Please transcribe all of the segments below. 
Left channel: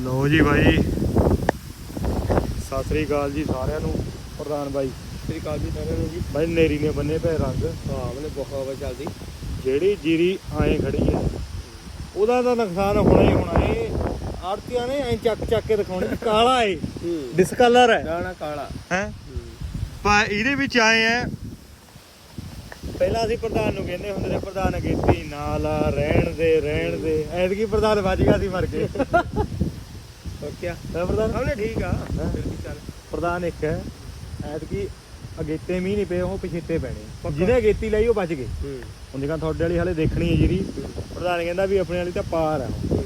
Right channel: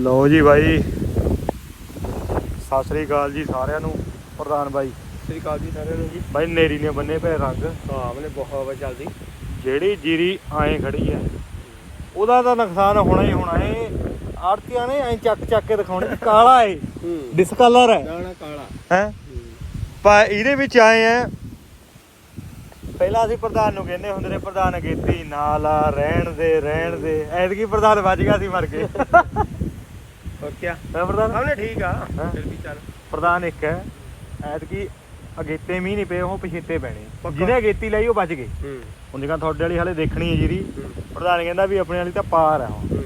ਲਓ ਜੀ ਬਾਈ। ਸਤਿ ਸ੍ਰੀ ਅਕਾਲ ਜੀ ਸਾਰਿਆਂ ਨੂੰ ਪ੍ਰਧਾਨ ਬਾਈ। ਸ੍ਰੀ ਅਕਾਲ ਜੀ ਸਾਰਿਆਂ ਨੂੰ ਜੀ। ਬਾਈ ਨੇਰੀ ਨੇ ਬੰਨੇ ਪਏ ਰੰਗ। ਹਾਂ ਮੈਨੇ ਬਹੁਤ ਹਵਾ ਚੱਲਦੀ। ਜਿਹੜੀ ਜੀਰੀ ਐਂ ਖੜੀ ਹੈ ਉਹਦਾ ਤਾਂ ਨੁਕਸਾਨ ਹੋਣਾ ਹੀ ਹੋਣਾ ਏ ਆੜਤੀਆਂ ਨੇ ਐਂ ਚੱਕ ਚੱਕ ਕੇ ਦਿਖਾਉਣੇ ਵੀ ਕਾਲਾ ਏ ਡਿਸਕਲਰ ਹੈ ਗਾਣਾ ਕਾਲਾ। ਹੈ? ਪਰ ਇਹਦੇ ਵਿੱਚ ਆਏ ਆ ਪਹਿਲਾਂ ਅਸੀਂ ਪ੍ਰਧਾਨ ਨੂੰ ਕਹਿੰਦੇ ਹੁੰਦੇ ਨੇ ਪ੍ਰਧਾਨ ਅਗੇਤੀ ਨਾਲ ਆ ਰਹਿਣ ਦੇ ਰਹਿਣ ਦੇ। ਐਤਕੀ ਪ੍ਰਧਾਨ ਵੱਜ ਗਿਆ ਸੀ ਮਰ ਕੇ। ਹੋਰ ਕੀ ਹੈ ਪ੍ਰਧਾਨ? ਠੀਕ ਆ। ਹਾਂ। ਫਿਰ ਵੀ ਚੱਲ। ਪ੍ਰਧਾਨ ਇੱਕ ਹੈ ਐਤਕੀ ਅਗੇਤੇ ਮੀਂਹ ਨਹੀਂ ਪਏ ਉਹ ਪਛੇਤੇ ਪੈਣੇ। ਪੱਕਾ। ਜਿਹਨੇ ਅਗੇਤੀ ਲਈ ਉਹ ਬਚ ਗਏ। ਹੂੰ। ਹੁਣ ਜਿਵੇਂ ਤੁਹਾਡੇ ਵਾਲੀ ਹਾਲੇ ਦੇਖਣੀ ਹੈ ਹੂੰ। ਪ੍ਰਧਾਨ ਕਹਿੰਦਾ ਵੀ ਆਪਣੇ ਵਾਲੀ ਤਾਂ ਪਾਰ ਆ ਹੁਣ। ਹੂੰ।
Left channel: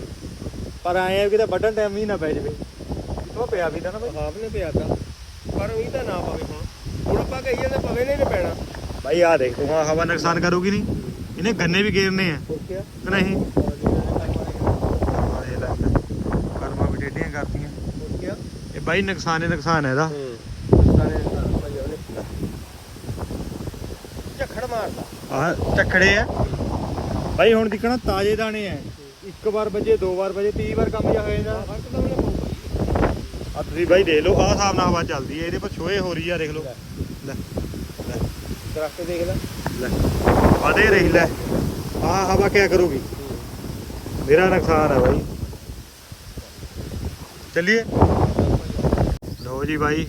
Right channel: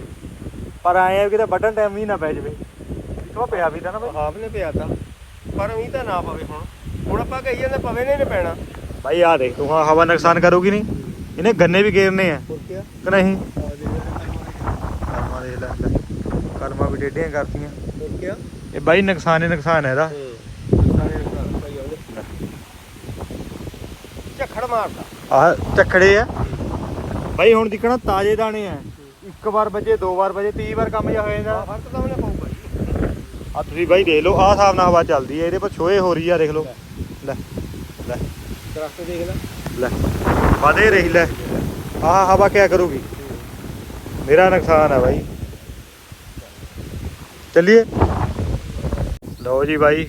ਪਰ ਆਏ ਆ ਵੀ ਕਿਤੇ ਵੱਢਣ ਟਾਈਮ ਮੀਂਹ ਨਾ ਪੈ ਜਾਵੇ। ਕਿਤੋਂ ਪਿਆ ਵੀ ਤਾਂ ਨਾ ਬਈ। ਹਾਫ ਨੇ ਪਿਆ ਤਾ। ਪਰ ਉਹੀ ਤਾਂ ਨਾ ਪਵੇ ਹੁਣ। ਹੁਣ ਆਪਾਂ ਕਹੀ ਜਾਂਦੇ ਪਵੇ ਨਹੀਂ ਨੇ ਪੈਣਾ। ਭਾਈ ਆ ਦੇਖ ਤੂੰ ਹਾਂ ਹਵਾ ਨੁਕਸਾਨ ਕਰੂਗੀ ਨਹੀਂ? ਇਹਨੇ ਗੰਨੇ ਵੀ ਗੇਰਨੇ ਆ। ਕਿ ਨਹੀਂ ਕਰਮਾ ਦੇ ਲੈ ਕਰਮਾ ਵੀ ਡੇਡੀਆਂ ਕਰਤੀਆਂ। ਇਹ ਬਾਈ ਨੁਕਸਾਨ ਹੀ ਨੁਕਸਾਨ ਹੈ ਇਹਦਾ। ਸਾਰੇ ਘਰ ਭਾਈ ਉਹਨੇ ਝੱਖੜ ਮਾਰਦਾ। ਆਹ ਚੱਕੜੇ ਆ। ਬਾਈ ਹੁਣ ਦਿਖਣਾ ਤਾਜ਼ੇ ਦਾਣੇ ਆ। ਇੱਕ ਵਾਰ ਵਜੇ ਦੋ ਵਾਰ ਵਜੇ 30 ਵਾਰ ਕੰਮ ਜਾ ਹੋ ਜਾਂਦਾ। ਫ਼ਰਕ ਤਾਂ ਉਹਨੇ ਪਊਗਾ ਜੀ। ਆ ਤੁਸੀਂ ਬਾਈ ਦੇਖ ਲਓ ਆਹ ਹਿਸਾਬ ਨਾਲ ਹਵਾ ਚੱਲਦੀ ਹੈ। ਇਹਦੇ ਪਰ ਛੋਏ ਹੋ ਰਹੀ ਆ ਦੇਖ ਲਓ। ਲੈ ਲੈ। ਦਰਖਤ ਦੇਖ ਲੈ। ਲੈ ਵਾਦੇ ਰਹੀ ਲੈ। ਆਹ ਹਵਾ ਕਿਆ ਕਰੂਗੀ? ਮੇਰਾ ਨੁਕਸਾਨ ਹੈ ਬਾਈ। ਚੱਲੀਏ। ਲਓ ਜੀ ਬਾਈ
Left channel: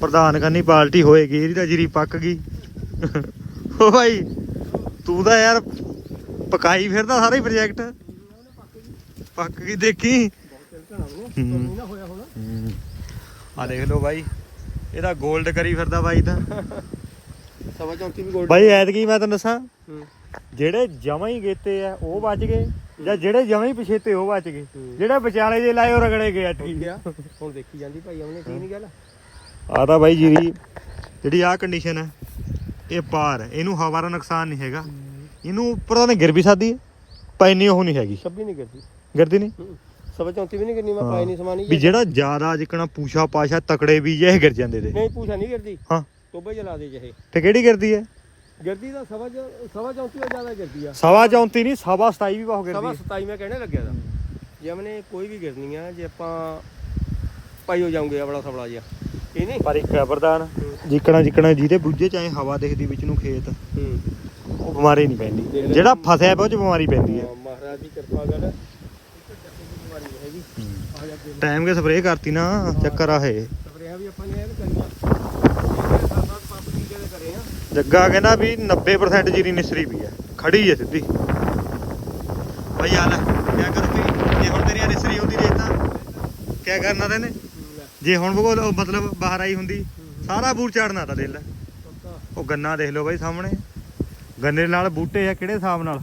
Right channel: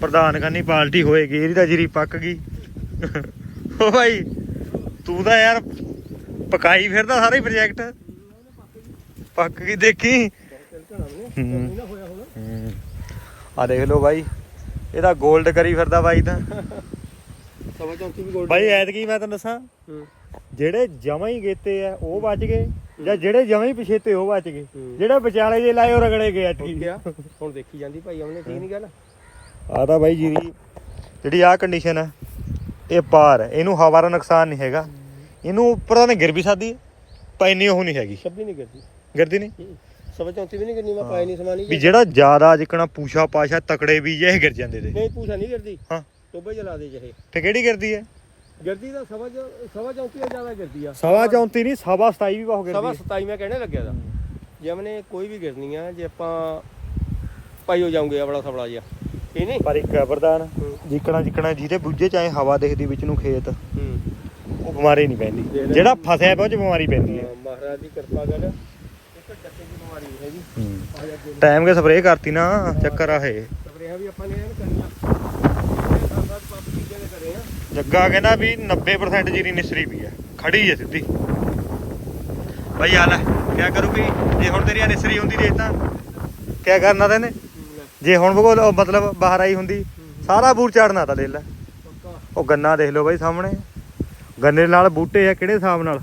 ਪ੍ਰਧਾਨ ਕਰਨੀ ਪਾਰਟੀ ਹੋਏਗੀ ਇਹਦੀ ਤਾਂ ਜੀਰੀ ਪੱਕ ਗਈ। ਓ ਬਾਈ ਤੂੰ ਤਾਂ ਯਾਰ ਪਕਾਈ ਫਿਰਦਾ ਸਾਰੇ ਪ੍ਰੋਜੈਕਟ ਪੱਕ ਗਈ ਦੇਖੀ? ਹੂੰ। ਆ ਦੇਖ ਲਓ ਬਾਈ ਇਹਦਾ 골ਡ ਕਰੀ ਫਿਰਦਾ ਬਾਈ ਤਾਂ। ਸਵਾ ਚੌਂਤੀ ਵੀ ਗੋਲ ਬਾਈ ਐਤਕੀ ਮੈਂ ਤੈਨੂੰ ਦੱਸਾਂ ਹੂੰ। ਜਿਹੜੇ ਜਮਾਂ ਹੀ ਗੇਤੇ ਆ ਉਹ ਬਚ ਗਏ। ਜਾਂ ਜਿਹੜੇ ਜਮਾਂ ਹੀ ਪਿਛੇਤੇ ਉਹ ਬਚ ਗਏ। ਜਿਹੜੇ ਵਿਚਾਲੇ ਜੇ ਲਾਏ ਉਹ ਰਗੜੇ ਗਏ ਹੋ ਐਤਕੀ ਗਿਆ ਹੁਣ ਦੇਖੀ ਜਾਂਦੀ ਭਾਈ ਉਹਨੇ ਠੀਕ ਨਹੀਂ ਗੱਲ? ਆ ਤਾਂ ਬਾਈ ਜੀਰੀ ਜਿਹੜੀ ਆ ਕੰਡੀਸ਼ਨ ਹੈ ਇਹ ਪਾਰ ਹੈ। ਇਹਨੂੰ ਹਵਾ ਦਾ ਨੁਕਸਾਨ ਨਹੀਂ ਹੈਗਾ। ਇਹਨੂੰ ਉੱਪਰ ਤਾਂ ਗਿਰ ਵੀ ਸਕਦੀ ਪਰ ਇੰਨੀ ਉਹ ਨਹੀਂ ਹੈਗੀ। ਸਭ ਵੀ ਨਹੀਂ ਕਰਦੀ ਗਿਰਦੀ ਨਹੀਂ? ਸਵਾ ਚੌਂਤੀ ਵੀ ਨਹੀਂ ਕਰਨੀ ਮੈਂ ਪਾਈ ਨਹੀਂ ਸਮਾਨੀ ਵੀ ਜਿਹੜਾ ਜ਼ਿਆਦਾ ਜਿਕਣਾ ਪੂਛਾ ਪਾਸ਼ਾ ਤਕੜੇ ਵੀ ਜੇ ਗਿਰ ਜਾਂਦੇ ਤੇ ਨਹੀਂ ਪੂਛਾ ਨਹੀਂ ਕਰਦੀ ਹਾਂ। ਟੋਬੇ ਜਲਾ ਦੇ ਜਿਹੇ ਤੇ ਕਿਹੜੀ ਗਿਰਦੀ ਹੈ? ਗਿਰਦੀ ਦਾ ਸਵਾ ਸਵਾ ਚੌਂਤੀ ਤੋਂ ਜ਼ਿਆਦਾ ਗਿਰਦੀ ਆ। ਸਵਾ 34 ਨਹੀਂ ਸਵਾ 27 ਵੀ ਬਹੁਤ ਸਵਾ ਗਿਰਦੀ ਹੈ 27 ਮੈਂ ਕਹਿਣੇ ਲੱਗਿਆ ਦਾ ਜਿਵੇਂ ਨੇ ਕੋਈ ਵੀ ਗਿਰਨੀ ਆ ਜੇ ਆਪਾਂ ਪਾਈ ਹੋ ਜਾਉਂਗੇ ਆਪਣਾ ਸਵਲਾ ਜਿਹਾ। ਇਹ ਨਹੀਂ? ਪਰ ਇੱਕ ਹੈ ਜਿੱਕਣਾ ਜਿੱਕਣਾ ਜਿਹਦੇ ਬੁੱਝੇ ਚਾਹੇ ਹਵਾ ਦੇਖਦੀ ਵਿੱਚ ਨੂੰ ਖੇਤ। ਉਹ ਬਿਮਾਰੀ ਨਹੀਂ ਪੈਂਦੀ। ਜਿਹੜਾ ਫਸਿਆ ਪਿਆ ਉਹ ਚ ਬਿਮਾਰੀ ਪੈਂਦੀ ਆ। ਮਹਾਰਾਜ ਦੀ ਕਿਰਪਾ ਕਰ। ਟਾਈਮ ਕੇ ਸਪਰੇਅ ਕਰਤੀ ਨਾ ਚੱਕਰ ਆ ਇਹ। ਵੀ ਆਪਾਂ ਨੇ ਐਨ ਕਰਨੀ ਜੱਗਾ ਕਹਿੰਦਾ ਵੀ 90% ਜੀਰੀ ਨਿਸਰੀ ਵੀ ਹੈ ਖੜੀ ਹੈ ਸਿੱਧੀ। ਭਾਈ ਆ ਲੈ ਕਿਆ ਕਰੂਗੀ ਜੇ ਹੁਣ ਤੇਰੀ ਨਿਸਰੀ ਹੁੰਦੀ ਦੇਖ ਤਾਂ ਕਿਆ ਕਰਨਾ ਤੈਨੇ? ਜੇ ਹੁਣ ਉਹ ਮਤਲਬ ਬਾਹਰ ਆਈ ਹੁੰਦੀ ਸਾਰਾ ਬੂਰ ਚਾੜਨਾ ਤਾਂ ਦੇਖ ਲੈ। ਉਹ ਗੰਨਾ ਦੇਖ ਲਓ ਬਾਈ ਸਾਹਮਣੇ। ਗੰਨੇ ਨਾਲ ਬੂਟੇ ਆ ਕਿਹੜੇ ਹਿਸਾਬ ਨਾਲ?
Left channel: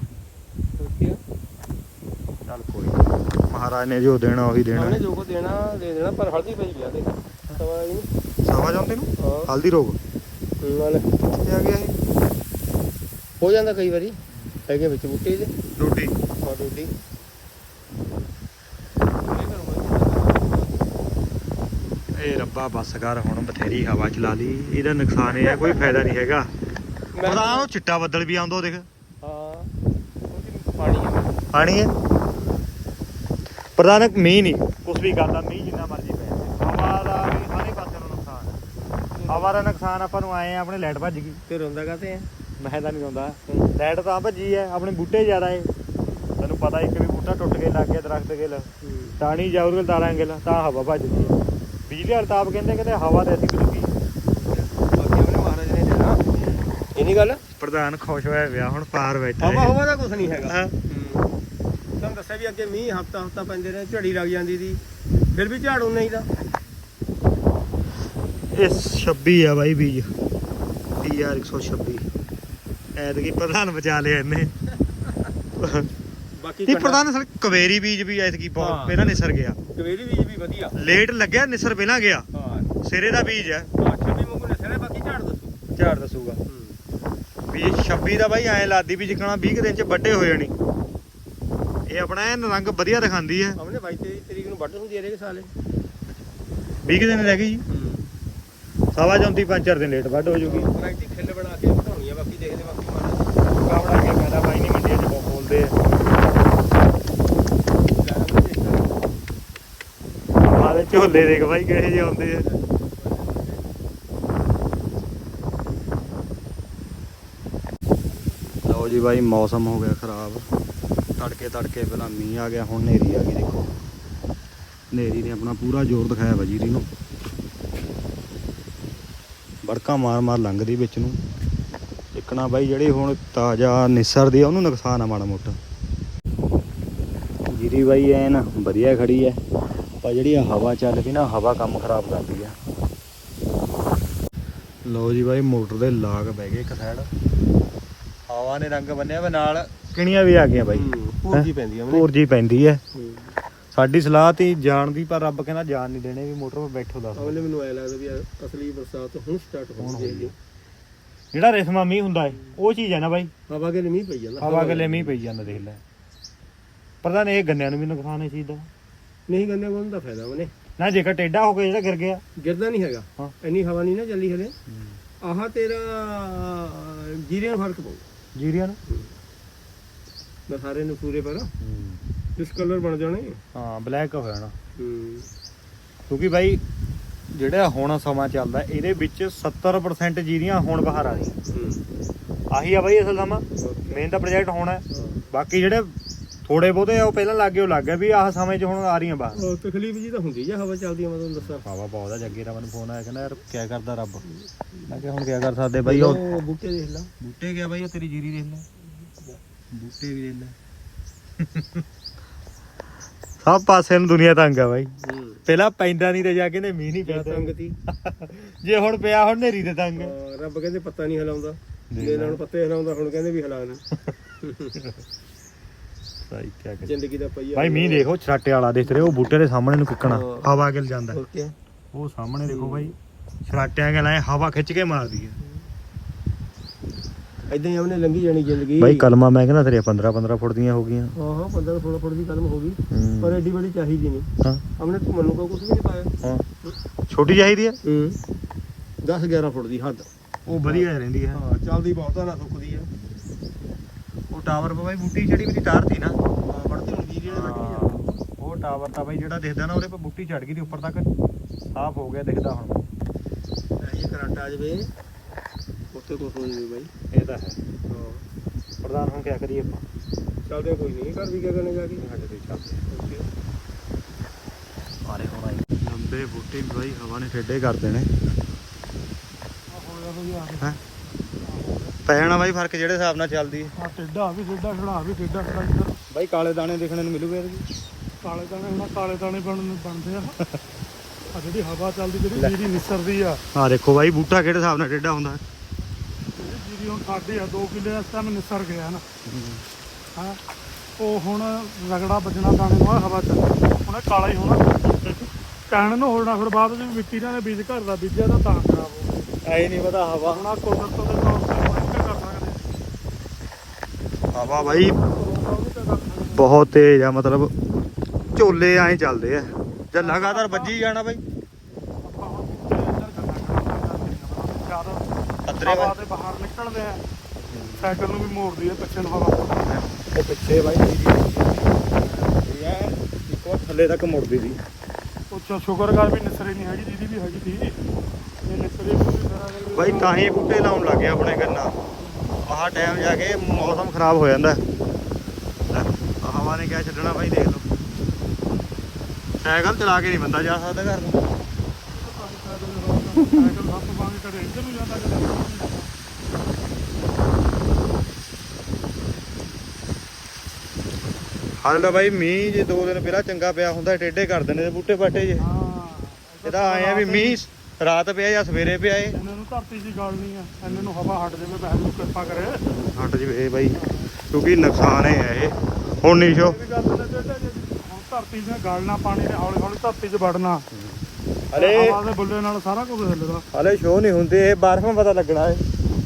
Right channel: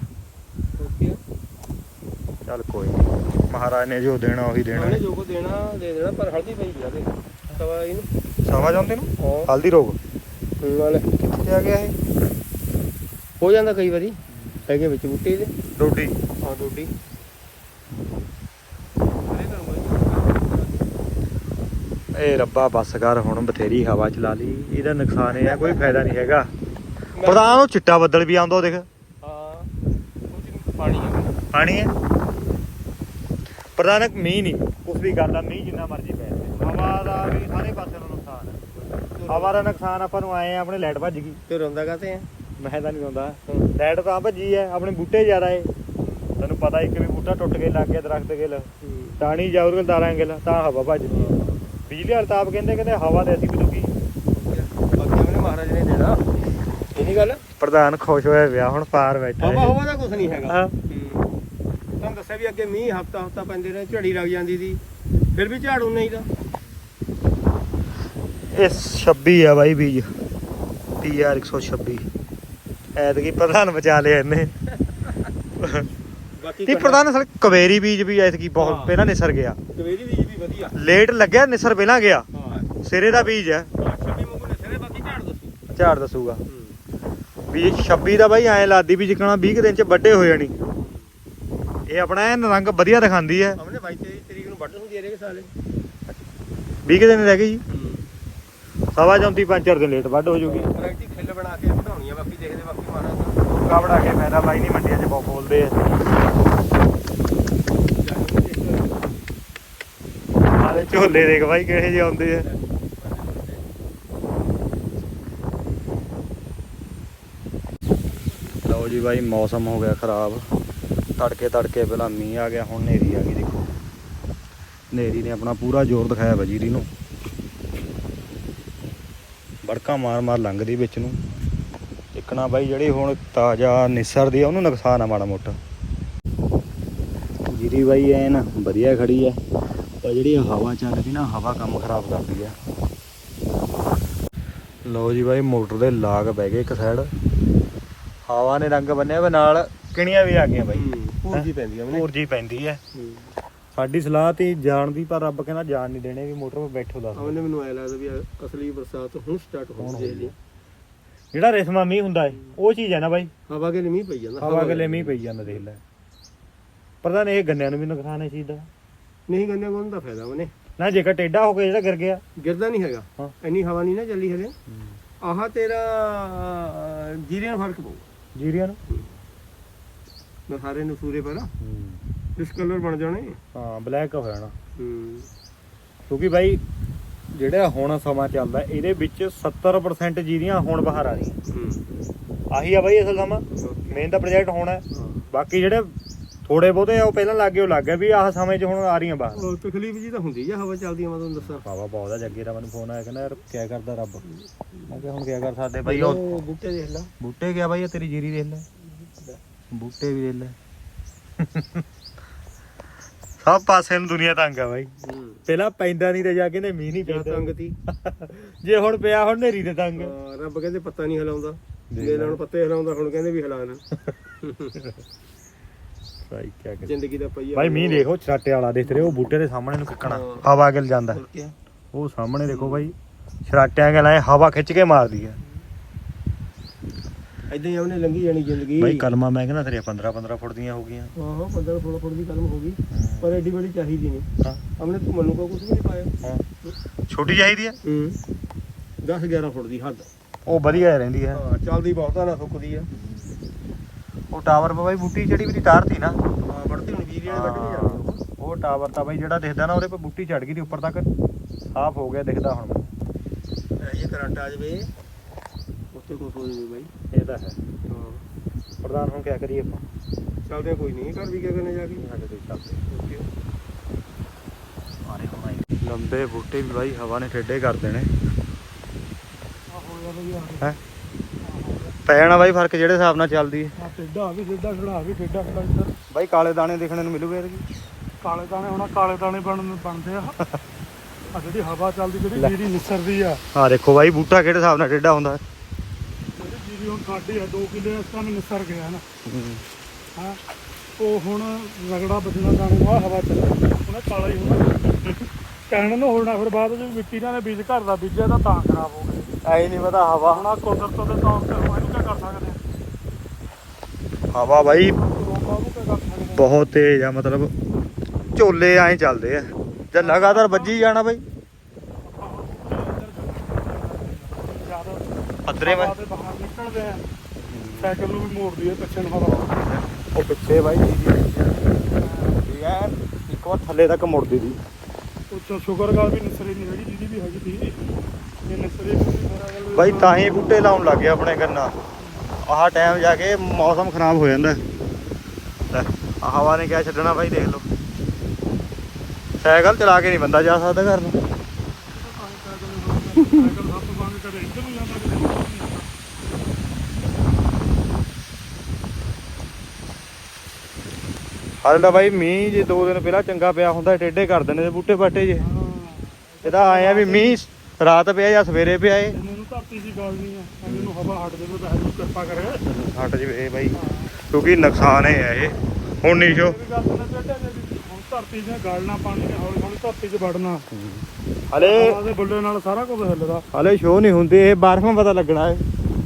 ਚੱਲ ਕੋਈ। ਮਹਾਰਾਜ ਨੇ ਜੋ ਦੇਣਾ ਉਹੀ ਦੇਣਾ। ਉਹਨੇ ਜੋ ਕੋ ਦੇਣਾ ਦੇ ਦੇਣਾ ਪਰ ਹਲਦੀ ਪਈ ਤੇ ਸਵਾ ਜਾਂਦੇ ਨੂੰ? ਹਲਦੀ ਰੋਗ। ਕੋਈ ਨਾਲ ਕਿੱਥੇ ਆ ਗਿਆ ਇਹ? ਹੋ ਜਾਂਦਾ ਕਈ ਵਾਰੀ। ਹੈਗੇ ਵਿੱਚ ਬੂਟੀ ਦੇ ਰੋਟੀ। ਹਾਂ ਬੂਟੀ ਏ ਰੱਬਾ ਬੱਸ ਕਰ ਹੁਣ ਬਥੇਰੀ ਹਵਾ ਚਲਾ ਲਈ। ਇਹਦਾ ਨੁਕਸਾਨ ਇਹ ਹੈ ਕੋਈ ਫਾਇਦਾ ਨਹੀਂ ਹੈਗਾ। ਪਤਾ ਉਹ ਚਿੱਟਾ ਬੱਦਲ ਵੀ ਆਉਂਦਾ ਦੇਖ। ਹਾਂ। ਪਾਣੀ ਹੈ। ਪ੍ਰਧਾਨਕ ਮੀਂਹ ਨਹੀਂ। ਕੁਛ ਵੀ ਗੱਲ ਆ ਮੀਂਹ ਜਿੰਨਾ ਮਰਜ਼ੀ ਪੈ ਜਾਵੇ ਹਵਾ ਦਾ ਵੀ ਸਾਰੇ ਪਾਸੇ ਨੂੰ ਨੁਕਸਾਨ ਹੈ ਹਵਾ ਦਾ ਨੁਕਸਾਨ ਆਪਾਂ ਨੂੰ ਆਏ ਆ ਆਪਣੇ ਲਾਈਟ ਭੱਜ ਗਈ। ਤੇ ਰੋਂਦਾ ਕਾਤੇ ਆ? ਮੈਂ ਤਾਂ ਨਹੀਂ ਆਉਂਦਾ ਲਾਈਟ ਤਾਂ ਭੱਜੀ ਹੈ ਆਪਣੇ ਬੂਟੇ ਜ਼ਿਆਦਾ ਏ ਤੈਨੂੰ ਪਤਾ ਇੱਕ ਵੀ ਬੂਟਾ ਟੁੱਟ ਕੇ ਲੱਗ ਗਿਆ ਦਰਖਤ ਗਿਲ। ਟਾਣੀ ਜਾਊਰਗਲ ਤਾਰਾਂ ਗਿਲ ਤਾਂ ਹਵਾ ਭੱਜਦੀ ਹੈ। ਬਿਜਲੀ ਆਪ ਕਹਿੰਦੇ ਕਹਿੰਦੇ ਹਵਾ ਤੇ ਅਸੀਂ ਬਦੂਗੀ ਬਾਕੀ ਆਪਣੇ ਮਹਾਰਾਜ ਨੇ ਦੇਣਾ। ਇਹ ਨਹੀਂ ਗੱਲ? ਪ੍ਰਧਾਨ ਖੁਸ਼ ਹੋਇਆ ਵਿਆਹ ਹੁਣ ਪਾਰ ਬੈਠਾ ਹਵਾ ਹਵਾ ਦਾ ਕੁਝ ਨਹੀਂ ਹੈਗਾ। ਹਾਂ। ਹੂੰ। ਤੁਹਾਨੂੰ ਦੱਸਿਆ ਵੀ ਅੱਗੇ ਮੀਂਹ ਹਫਤਾ ਹਫਤਾ ਪੈਂਦੇ ਰਹੇ ਝੜੀ ਲੱਗ ਜਾਂਦੀ ਸੀ। ਫਿਰ ਵੀ ਝਾੜੂ ਨਹੀਂ ਦਾ। ਇਹ 26 ਆ ਬਾਈ ਬੀਜ। PR 126 ਐਤਕੀ ਪ੍ਰਧਾਨ ਬਚਾ ਲਿਆ ਇਹਨੇ। ਬਾਕੀ ਇਹ ਪ੍ਰਧਾਨ ਸਰ ਕਵੇਰੀ ਬੀਜ ਵੀ ਐਤਕੀ। ਬਹੁਤ ਪਹਿਲਾਂ ਨਿਸਰ ਗਿਆ। ਕਵੇਰੀ ਬੀਜ ਵੀ ਵਧੀਆ। ਲੇਟ ਲੱਗਿਆ ਨਿਸਰ ਪਹਿਲਾਂ ਗਿਆ। ਹਾਂ। ਸਿਰੇ ਦਾ ਬੀਜ ਹੈ। ਛੱਬੀ ਮੁੰਗੂ ਨੇ ਬਾਕੀ ਝਾੜ ਦੱਸੂ। ਝਾੜ ਦੱਸੂਗਾ। ਵੀ ਇਹ 26 ਦਾ ਬਾਈ ਐ ਲਾਦੀ ਵੀ ਜਿਕਣਾ 20 ਕੁ ਦਿਨ ਚ ਵੱਡੇ ਹੋ ਜਾਣੀ। ਇਹ ਆਪਣਾ ਐਨ ਰੰਗ ਵਧੀਆ ਦਿਖਾਉਂਦੀ ਹੈ। ਆਪਣੇ 22 ਤਰੀਕ ਨੂੰ ਵੱਢ ਹੁੰਦੀ ਹੈ ਰੇ ਸਾਲੇ। 20 ਕੁ ਦਿਨ ਰਹਿ ਗਏ ਜੀ। ਸਵਾ ਜਾਂਦੀ ਪੰਜ ਚਾਰ ਦਿਨ ਲੇਟ ਵੱਢ ਹੋ ਜੂਗੀ ਪ੍ਰੈਕਟਿਕ ਖਿੱਲ ਬਣਾ ਕੇ ਵਧਾਉਣੀ ਆ, ਬਾਕੀ ਦੇਖਦੇ ਬਾਕੀ ਮਹਾਰਾਜ ਕਾਵੜਾ ਕੇ ਫਾਇਦਾ ਬਾਈ ਨਹੀਂ ਮੰਡੀਆਂ ਚ ਬਹੁਤ ਬੋਲਦੇ ਆ। ਝੋਲੇ ਦੇਖ ਬਾਈ ਕਿਹੜੇ ਜਿਹੇ ਆਉਂਦੇ ਆ। ਲਓ ਜੀ ਬਾਈ, ਮੌਸਮ ਹੋ ਗਿਆ ਖਰਾਬ। ਤੜਕੇ ਤੜਕੇ ਪਹਿਲਾਂ ਮੀਂਹ ਆ ਗਿਆ, ਹੁਣ ਨੇਰੀ ਆ ਗਈ, ਦੇਖੋ। ਨੇਰੀ ਨੇ ਆਪਣਾ ਪੂਰਾ ਜ਼ੋਰ ਦਿਖਾਇਆ ਵਜੀਰੀ ਨੂੰ ਬੜਕਾ ਮਾਰ ਮਾਰ ਲੰਘਦੀ ਵਿੱਚ ਨੂੰ। ਟਿਕਣਾ ਬਾਈ ਜਿਹੜੀ ਹੁਣ ਤਾਜ਼ਾ ਨਿਸਰਦੀ ਆ ਉਹਨੂੰ ਨੁਕਸਾਨ ਆ ਮਾੜਾ ਮੋਟਾ। ਜੀਰੀ ਬਾਈ ਐਨ ਵਧੀਆ ਖੜੀ ਐ। ਪਰ ਜਿਹੜੀ ਆ ਹਵਾ ਚੱਲਦੀ ਨਾ ਹਵਾ ਕੰਮ ਖਰਾਬ ਕਰਦੀ ਐ। ਲਓ ਜੀ ਬਾਈ ਮੋਟਰ ਦੇ ਲਾਗ ਬਹਿ ਗਏ ਇੱਕ ਸਾਈਡ ਹਵਾ ਨੇ ਰੰਗ ਬੰਨਿਆ ਵੇ ਨਾਲ ਕਿਣੀਆਂ ਵੀ ਆ ਗਈਆਂ ਬਾਈ। ਜੀ ਪੈਂਦੀ ਆ ਉਹਨੇ ਹੋਰ ਜੀ ਪੈਂਦੀ ਐ। ਸਾਡੀ ਸਲਾਹ ਤੀ ਜਾਣ ਦੀ ਪਰ ਰੱਬ ਕਹਿੰਦਾ ਜਾਣ ਨਹੀਂ ਦੇਣੇ ਵੀ ਮੋਟਰ 'ਤੇ ਬੈਠੋ ਦੱਸ ਉਹਨੇ ਮੈਨੂੰ ਐ ਲੱਗਦਾ ਵੀ ਆ ਅਸਲੀ ਬਰਸਾਤ ਹੁਣ ਸਟਾਰਟ ਹੁਣ ਹੋਣੀ ਹੋਣੀ ਹੈ ਜਿਹੜਾ ਰੇਸ਼ਮਾ ਮੀਂਹ ਹੁੰਦਾ ਏ ਉਹ ਚੀਜ਼ ਹੈ ਨਾ ਬਾਈ। ਹਵਾ ਕੇ ਮੀਂਹ ਪਈ ਜਾਂਦਾ। ਹਵਾ ਗੱਲੇ ਮੀਂਹ ਪਈ ਜਾਂਦਾ ਦੇਖ ਲੈ। ਪ੍ਰਧਾਨ ਇਹ ਗੰਨਿਆਂ ਨੂੰ ਵੀ ਨੁਕਸਾਨ ਹੈ ਇਸ ਚੀਜ਼ ਦਾ। ਨਹੀਂ ਗੰਨੇ ਕੋਲ ਦਾ ਫਾਇਦਾ ਉਹਨੇ। ਨਾ ਜੇਕਰ ਟੇਡਾ ਹੋ ਕੇ ਜਿਹੜਾ ਗਿਰ ਗਿਆ। ਗਿਰਦਾ ਨਹੀਂ ਹੈਗਾ। ਹਾਂ। ਇੰਨੀ ਹਵਾ ਨਹੀਂ ਨਾ ਚੱਲੀ ਹਲੇ। ਆਹ ਤੇਰਾ ਜੀਰੇ ਨਾਲ ਫ਼ਰਕ ਪਊ। ਜੀਰੀਆਂ ਨੂੰ? ਮੈਂ ਸਾਰੇ ਨੂੰ ਪੂਰੇ। ਪਰ ਇਸ ਕਲਰ ਬਣ ਜਾਣੇ? ਹਾਂ ਬਲੈਕ ਹੋ ਜਾਣਾ। ਹੂੰ। ਕਿਉਂਕਿ ਬਾਈ ਜਿਹੜਾ ਹੁਣ ਸਮਾਂ ਚੱਲਦਾ ਇਹਦੇ ਵਿੱਚ 70% ਜੀਰੀਆਂ ਹੁਣ ਬਾਹਰ ਆ ਰਹੀਆਂ। ਹੂੰ। ਆਹੀ ਆ ਬਾਈ ਅਸਲ ਸਮਾਂ। ਮੇਨ ਤਾਂ ਪ੍ਰੋਜੈਕਟ ਹੋਣਾ ਹੈ। ਬਾਕੀ ਜਿਹੜੇ ਥੋੜੇ ਬਹੁਤੇ ਆ ਉਹ ਪਹਿਲਾਂ ਲੱਗੇ ਉਹ ਲੱਗ ਵੀ ਆਹ ਸਮੇਂ 'ਚ ਹੁਣ ਆ ਰਹੀਆਂ ਬਾਹਰ। ਤਕਲੀਫ ਜੀ ਤਾਂ ਹੁੰਦੀ ਆ ਹਵਾ ਚੱਲਦੀ ਆ ਮੈਂ ਤੁਹਾਨੂੰ ਦੱਸਾਂ। ਬਾਬਾ ਬਹੁਤ ਆ ਜੱਗੇ ਦਾ ਮੈਨੂੰ ਫੋਨ ਆਇਆ ਕਹਿੰਦਾ ਯਾਰ ਕੀ ਕਰਦਾ ਰੱਬ? ਮੈਂ ਕਿਹਾ ਹੁਣ ਕੀ ਕਰ ਸਕਦੇ ਬਾਈ ਉਹ ਬੂਟੇ ਦੇਖ ਲਾ। ਬੂਟੇ ਗਿਆ ਬਾਈ ਤੇਰੀ ਜੀਰੀ ਦੇਖ ਲੈ। ਬੂਟੇ ਵੀ ਦੇਖ ਲੈ। ਸਭ ਪਾਸੇ ਨੂੰ ਦੁਨੀਆ ਤੰਗ ਆ ਬਾਈ। ਹੂੰ। ਪਹਿਲਾਂ ਪੈਂਦਾ ਨਹੀਂ ਤੇ ਜਾ ਕੇ ਨੇ ਮੀਂਹ ਨਹੀਂ ਜਾਂ ਪੈਂਦਾ। ਤੰਗ ਤੀ? ਜੇ ਹੁਣ ਪਿਆ ਹੁਣ ਨੇਰੀ ਤੇ ਤੰਗ ਹਾਂ, ਰੱਬ ਕਹਿੰਦੇ ਪੱਤਾ ਨਹੀਂ ਹਿਲਾਉਂਦਾ। ਜੇ ਲੈ। ਹੁਣ ਪੱਤੇ ਹਿਲਾਉਂਦਾ ਹੁਣ ਕਹਿੰਦੇ ਵੀ ਹਿਲਾਣਾ ਸਹੀ ਕੀ ਕਰ ਜ਼ਿੰਦਗੀ ਦਾ ਪਈਆ ਬਾਈ ਮੀਂਹ ਦੇਖੋ ਛਰਾਟੇ ਵਾਲਾ ਦੇਖ ਰਹੇ ਹੋ ਬੂਟੇ ਦੇ ਸਾਹਮਣੇ ਨੂੰ ਕਿੱਕਣਾ। ਹਵਾ ਗਿਲ ਜਾਂਦਾ। ਉਹ ਸਾਹਮਣੇ ਦੇਖੋ ਬਾਈ ਛਰਾਟਿਆਂ ਕੇ ਲਾਏ ਹਵਾ ਖਿੱਚ ਕੇ ਮਾਰਦੀ ਹੈ ਇਦਾਂ ਹੀ ਉਹਨੇ ਲੰਘੀ ਜਾਣੀ ਜ਼ਿੰਦਗੀ। ਬਾਈ ਕਲਮਾ ਮੈਂ ਕਹਿੰਦਾ ਤੇਰੇ 15 15 ਫੁੱਟ ਦੀਆਂ ਹੋ ਗਈਆਂ। ਹਾਂ ਹਾਂ 15 16 ਫੁੱਟ ਦੀ ਕਲਮ ਹੋ ਗਈ ਹੂੰ। ਪਰ ਐਡੀ ਬੜੀ ਚਾਹੀਦੀ ਨਹੀਂ। ਹਾਂ। ਹਮਨੇ ਤੂੰ ਮੈਨੂੰ ਕੁਝ ਵੀ ਨਹੀਂ ਪਾਇਆ। ਹਾਂ। ਛੋਟੀ ਚਾਹੀਦੀ ਹੈ ਹੂੰ। 10 11 ਫੁੱਟ ਦੀ ਹੱਦ। ਉਹ ਵਧੀਆ ਰਹਿੰਦੀ ਹੈ ਹਾਂ ਚੱਲਦੀ ਬਹੁਤਾ ਨਾ ਸੁੱਕਦੀ ਆ। ਉਹ ਟਾਵਰ ਪਾ ਬਾਈ ਬੂਟੀ ਜਿਹੜੀ ਵੀ ਤਾਰਤੀ ਨਾ। ਹਾਂ ਫੜਦੀ ਹੁਣ ਵੀਰੇ ਕੱਢ ਕੇ ਜਾਣਾ। ਉਹ ਟਾਵਰ ਤਾਂ ਬਾਈ ਜਿਹੜਾ ਦਿਖਦਾ ਨਾ ਉਹਦੇ ਪਰ ਬੂਟੀ ਚੜ ਗਈ ਦੀ ਉੱਪਰ ਤੱਕ। ਸਾਫ਼ ਹੋ ਗਿਆ ਦਿਖਦਾ ਹੁਣ। ਇਹ ਕਰੰਟ ਆ ਜਵੇ। ਉੱਥੇ ਕੁਝ ਹੋ ਜਵੇ ਬਾਈ। ਇਹ ਤਾਂ ਹੈ। ਹਾਂ। ਪ੍ਰਧਾਨ ਹੁਣ ਕਿਆ ਕਰੀਏ ਆਪਾਂ? ਚੱਲਦੇ ਕੋਈ ਨਹੀਂ ਘਰ ਵੀ ਕਿਆ ਕਰਨੇ ਜਾ ਕੇ? ਸਾਡੇ ਤੇ ਚੱਲਦੇ। ਓਕੇ। ਲੰਬੇ ਬੂਟੇ ਵੀ ਬਾਈ ਹਵਾ ਨੇ ਠੇਡੇ ਕਰ ਦੇਣੇ। ਆ ਹੋ ਗਿਆ ਬਈ ਆ ਹੈ? ਪੈ ਜਾਣਾ ਬਾਈ ਫ਼ਰਕ ਜਿਹੜੇ ਹਿਸਾਬ ਨਾਲ ਚੱਲਦੀ ਹੈ। ਆ ਟੇਡਾ ਵੀ ਟੇਡਾ ਖੜਾ ਵੀ ਟੇਡਾ ਖੜਾ ਇੱਧਰ। ਬਾਈ ਕਾਲੇ ਦਾਣੇ ਦੇਖਣੇ ਨੂੰ ਮਿਲੂਗੇ ਇਹਦੇ ਕਾਲੇ ਦਾਣੇ ਹੁਣ ਆਹ ਕਾਲੇ ਦਾਣੇ ਬਣਨ ਬਣਦੇ ਆ। ਆ ਜਿਹੜੀ ਹਵਾ ਚੱਲਦੀ ਜਿਹੜੀ ਜੀਰੀ ਨਿਸਰਦੀ ਆ। ਆ ਦੇਖੋ ਬਾਈ ਬੂਟਾ ਕਿਹੜੇ ਹਿਸਾਬ ਨਾਲ ਟੇਡਾ ਹੁੰਦਾ ਜਿਹੜੀ ਜੀਰੀ ਹੁਣ ਸਾਡੀ ਆ 2 ਕਿੱਲੇ ਇਸ ਟਾਈਮ ਨਿਸਰ ਗਿਆ ਨਾ। ਹਾਂ ਉਹ ਹੁਣ ਰਗੜਾ ਵੱਜਣਾ ਦਾਣੇ ਨੂੰ ਆਹ ਹਵਾ ਚੱਲ ਉਹਨੇ ਕਾਲਾ ਹੀ ਹੋਣਾ। ਕਹਿਣ ਨੂੰ ਹੋਣਾ ਫਿਰ ਬਾਅਦ ਵਿੱਚ ਮਿੱਟੀ ਨਾਲ ਬੀਜ ਘਰ ਦਾ ਬੀਜਿਆ ਤਾਂ ਤਾਂ ਖਰਾਬ ਹੋ ਗਿਆ। ਐ ਨਹੀਂ ਪਤਾ ਹਵਾ ਹੁਣ ਆਹ ਕੁਦਰਤ ਦੇ ਤੌਰ ਤੇ ਇਹਨੂੰ ਕੀ ਕਰ ਸਕਦੇ ਹਵਾ ਬਾਈ ਬਹੁਤ ਤੇਜ਼ ਆ ਮਤਲਬ ਝੋਲੇ ਐਂ ਚੱਲਦੇ ਆ। ਜੇ ਲਗਾਤਾਰ ਵੱਜੀ ਜਾਣਾ ਬਾਈ ਆਪਾਂ ਹੁਣ ਅੰਦਰ ਜਦ ਪੱਧਰੇ ਹਵਾ ਦੇ ਬਾਹਰ ਨਿਕਲਦੇ ਆ। ਸਾਈਕਲ ਨੂੰ ਵੀ ਮੋੜਦੀ ਹੈ ਪਿੱਛੇ ਨੂੰ ਹਵਾ। ਉਹ ਪਿੱਛੇ ਬਾਈ ਜੀ ਜੀ ਐ ਇੱਕ ਵਾਰ ਥੱਲੇ ਤੱਕ ਮੁੜਦੀ ਦੀ ਉੱਚਾ ਸ਼ੁਕਰ ਕਰ ਵੀ ਨਿਸਰੇ ਨਹੀਂ ਹੈਗੀ ਜਿਹਦੀ ਵੀ ਹੈਗੀ ਸੀ। ਇਹ ਨਿਸਰੇ ਵੀ ਮੇਰਾ ਵੱਲ ਬਾਈ ਤਾਂ ਹੀ ਬੂਟੇ ਲਾਉਣ ਲੱਗੇ ਆਪਣੇ ਕੰਨਾ। ਆਹ ਟਾਈਮ ਜਾ ਕੇ ਮੌਸਮ ਖਰਾਬ ਹੋ ਜਾਂਦਾ। ਹਵਾ ਨੇ ਕਿਆ ਛੱਡਣਾ ਬਾਈ ਦੇਖ ਲਓ। ਸਾਈਕਲ ਚਲਾ ਕੇ ਨਹੀਂ ਬੰਦਾ ਜਾ ਸਕਦਾ ਘਰ ਨੂੰ। ਕਦੇ ਇੱਧਰ ਨੂੰ ਜਾਂਦਾ ਕਦੇ ਉੱਧਰ ਨੂੰ ਜਾਂਦਾ ਹਾਲੇ ਤਾਂ ਬਾਈ ਮੀਂਹ ਜੇ ਦੋ ਦਿਨ ਪਹਿਲਾਂ ਚੰਗਾ ਪਿਆ ਹੁੰਦਾ ਟੇਢੇ ਕਰ ਦਿੰਦੇ ਨੇ ਬੂਟੇ ਬਾਟੇ ਜੇ। ਹਾਂ ਇਹਦਾ ਆਇਆ ਵੀ ਮੀਂਹ ਰਾਤ ਪਿਆ ਜਾਂ ਸਵੇਰੇ ਪਿਆ ਏ ਇਹਨਾਂ ਨੂੰ ਧਰਤੀ ਦੀ ਗੱਲ ਨਹੀਂ ਆ। ਇਹਨਾਂ ਨੂੰ ਹਵਾ ਹਟ ਜਾਵੇ ਬਹਿ ਨੂੰ ਕਿਰਪਾ ਕਰੇ। ਹਟ ਜਵੇ ਬਾਈ ਕਿਉਂਕਿ ਨੁਕਸਾਨ ਹੈ ਇਹ। ਹੁਣ ਨਹੀਂ ਸ਼ੋ। ਹੁਣ ਧਰਤੀ ਨੇ ਗਾਲਣਾ ਪਾਣੀ ਨੇ ਹੌਲੀ ਹੌਲੀ ਧਰਤੀ 'ਚ ਵੜਨਾ। ਹਲੇ ਹਵਾ ਦੇ ਬੁੱਲੇ ਨਾਲ ਸਾਰਾ ਕੁਝ ਹਿੱਲਦਾ। ਹਲੇ ਸ਼ੋ ਨਹੀਂ ਹੁੰਦੇ ਇਹ ਬਾਰਫੋਂ ਪਤਾ ਲੱਗਣਾ ਹੈ।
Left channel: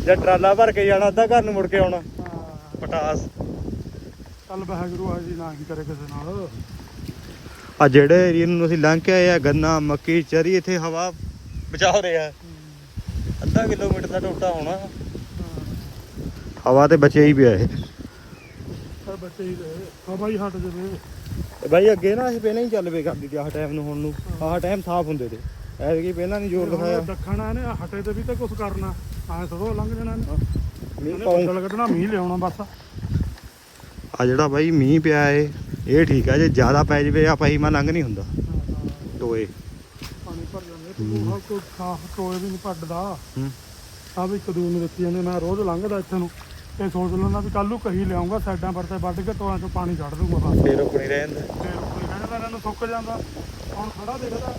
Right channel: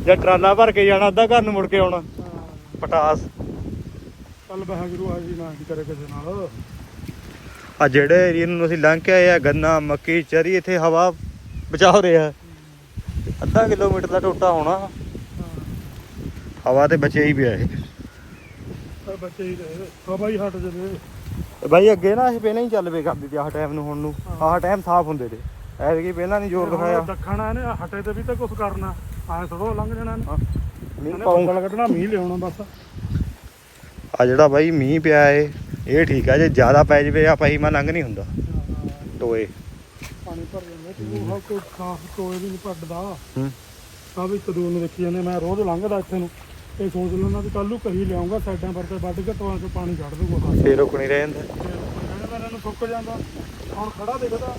ਜਾਂ ਟਰਾਲਾ ਭਰ ਕੇ ਜਾਣਾ ਅੱਧਾ ਘਰ ਨੂੰ ਮੁੜ ਕੇ ਆਉਣਾ। ਪਟਾਸ। ਚੱਲ ਵਾਹਿਗੁਰੂ ਆ ਜੀ ਨਾ ਹੀ ਕਰੇ ਕਿਸੇ ਨਾਲ। ਆ ਜਿਹੜੇ ਏਰੀਆ ਨੂੰ ਅਸੀਂ ਲੰਘ ਕੇ ਆਏ ਆ ਗੰਨਾ ਮੱਕੀ ਚਰੀ ਇੱਥੇ ਹਵਾ ਬਚਾਉ ਰਿਹਾ ਅੱਧਾ ਕਿਲੋਮੀਟਰ ਦਾ ਟੋਟਾ ਹੋਣਾ। ਹਵਾ ਤੇ ਬਚਿਆ ਹੀ ਪਿਆ ਇਹ। ਬੱਚੇ ਹੀ ਰਹੇ। ਹਵਾ ਹੀ ਹਟ ਜਾਵੇ। ਤੇ ਬਾਈ ਅੱਗੇ ਨਾ ਅਸੀਂ ਪਹਿਲਾਂ ਹੀ ਚੱਲ ਵੇ ਕਰਦੀ ਤੇ ਆਹ ਟਾਈਮ ਨੂੰ ਹੁਣ ਨੂੰ। ਆਹ ਟਾਈਮ ਸਾਫ਼ ਹੁੰਦੇ ਤੇ। ਐਤਕੀ ਪਹਿਲਾਂ ਨਹੀਂ ਜ਼ੋਰ ਦਿਖਾਇਆ। ਦੱਖਣਾ ਇਹਨੇ ਹਟੇ ਤੇ ਵੀ ਤਾਂ ਕੁਝ ਕਰਨਾ। ਐ ਥੋੜਾ ਲੰਘ ਜਾਣਾ ਹਾਂ। ਮੀਂਹ ਇਹਨੇ ਪਾਉਂ ਬੱਦਲ ਕੱਢਣਾ ਮੀਂਹ ਲਿਆਉਣਾ ਬਸ। ਆ ਜਿਹੜਾ ਬਾਈ ਮੀਂਹ ਪਿਆ ਏ ਇਹ ਠੀਕ ਆ ਜੇ ਜ਼ਿਆਦਾ ਪੈ ਜਵੇ ਆ ਪਈ ਮਾ ਲੰਘ ਨਹੀਂ ਹੁੰਦਾ। ਟੋਏ। ਪਾਣੀ ਭਰ ਜਾਂਦੇ ਤੂੰ ਹਾਂ ਕੋਈ ਖਾਸ ਟੋਏ ਵੀ ਨਹੀਂ ਪੱਟਦਾ। ਹੂੰ। ਆ ਵੀ ਕਦੂ ਨੂੰ ਦੇਖੀ ਜਾਂਦੇ ਮੈਂ ਰੋਜ਼ ਲੰਘਦਾ ਇੱਥੇ ਨੂੰ। ਇਹ ਸੋਚ ਲੈਂਦਾ ਵੀ ਕੱਲ ਨੂੰ ਕਹੀ ਲਿਆਉਂਗਾ ਸਾਈਡਾਂ ਪਰ ਤੇ ਵੱਢ ਕੇ ਟੋਆਂ ਚੋਂ ਪਾਣੀ ਕੱਢ ਦੂੰਗਾ ਬਸ। ਫੇਰ ਰੁਕ ਨਹੀਂ ਰਹੇ ਫੇਰ ਕੋਈ ਕਹਿੰਦਾ ਇਹਨਾਂ ਨੂੰ ਸੁੱਕ ਜਾਂਦਾ। ਹੁਣ ਖੜਾ ਦੇਖਦਾ